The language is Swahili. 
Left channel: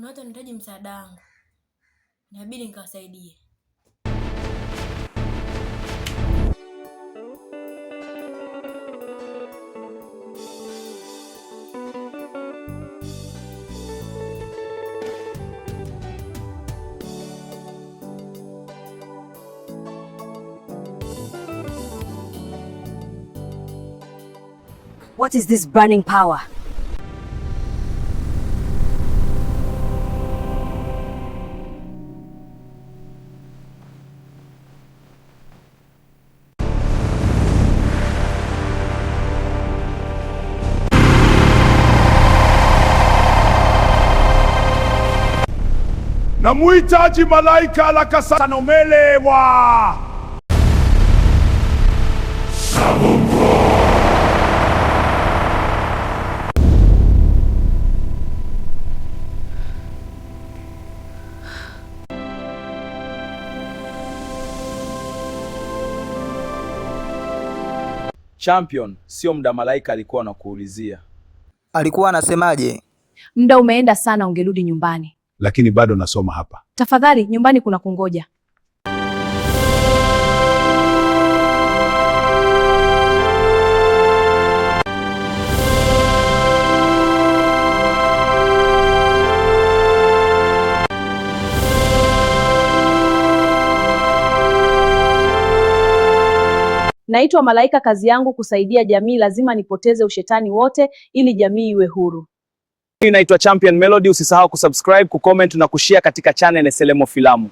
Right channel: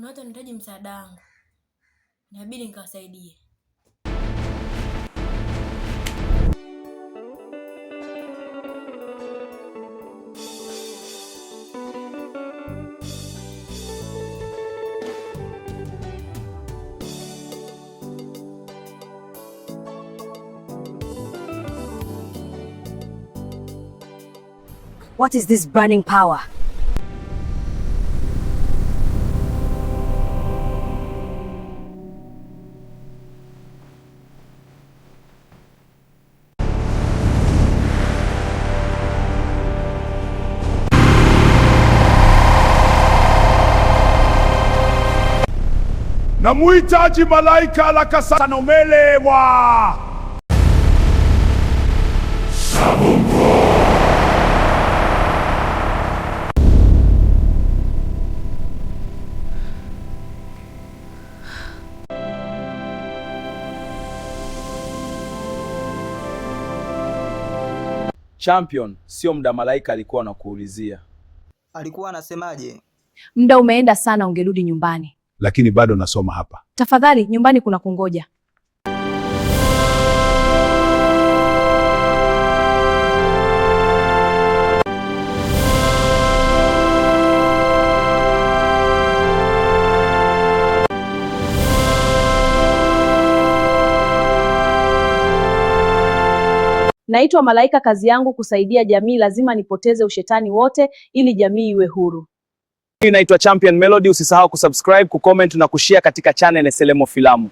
kuna watu wanahitaji msaada wangu, inabidi nikawasaidie. What is this burning power? Namuhitaji malaika la Kasanomelewa. Champion, sio muda malaika alikuwa anakuulizia. Alikuwa anasemaje? Muda umeenda sana, ungerudi nyumbani. Lakini bado nasoma hapa. Tafadhali, nyumbani kuna kungoja. Naitwa Malaika, kazi yangu kusaidia jamii, lazima nipoteze ushetani wote ili jamii iwe huru. Mimi naitwa Champion Melody, usisahau kusubscribe, kucomment na kushare katika channel ya Selemo Filamu.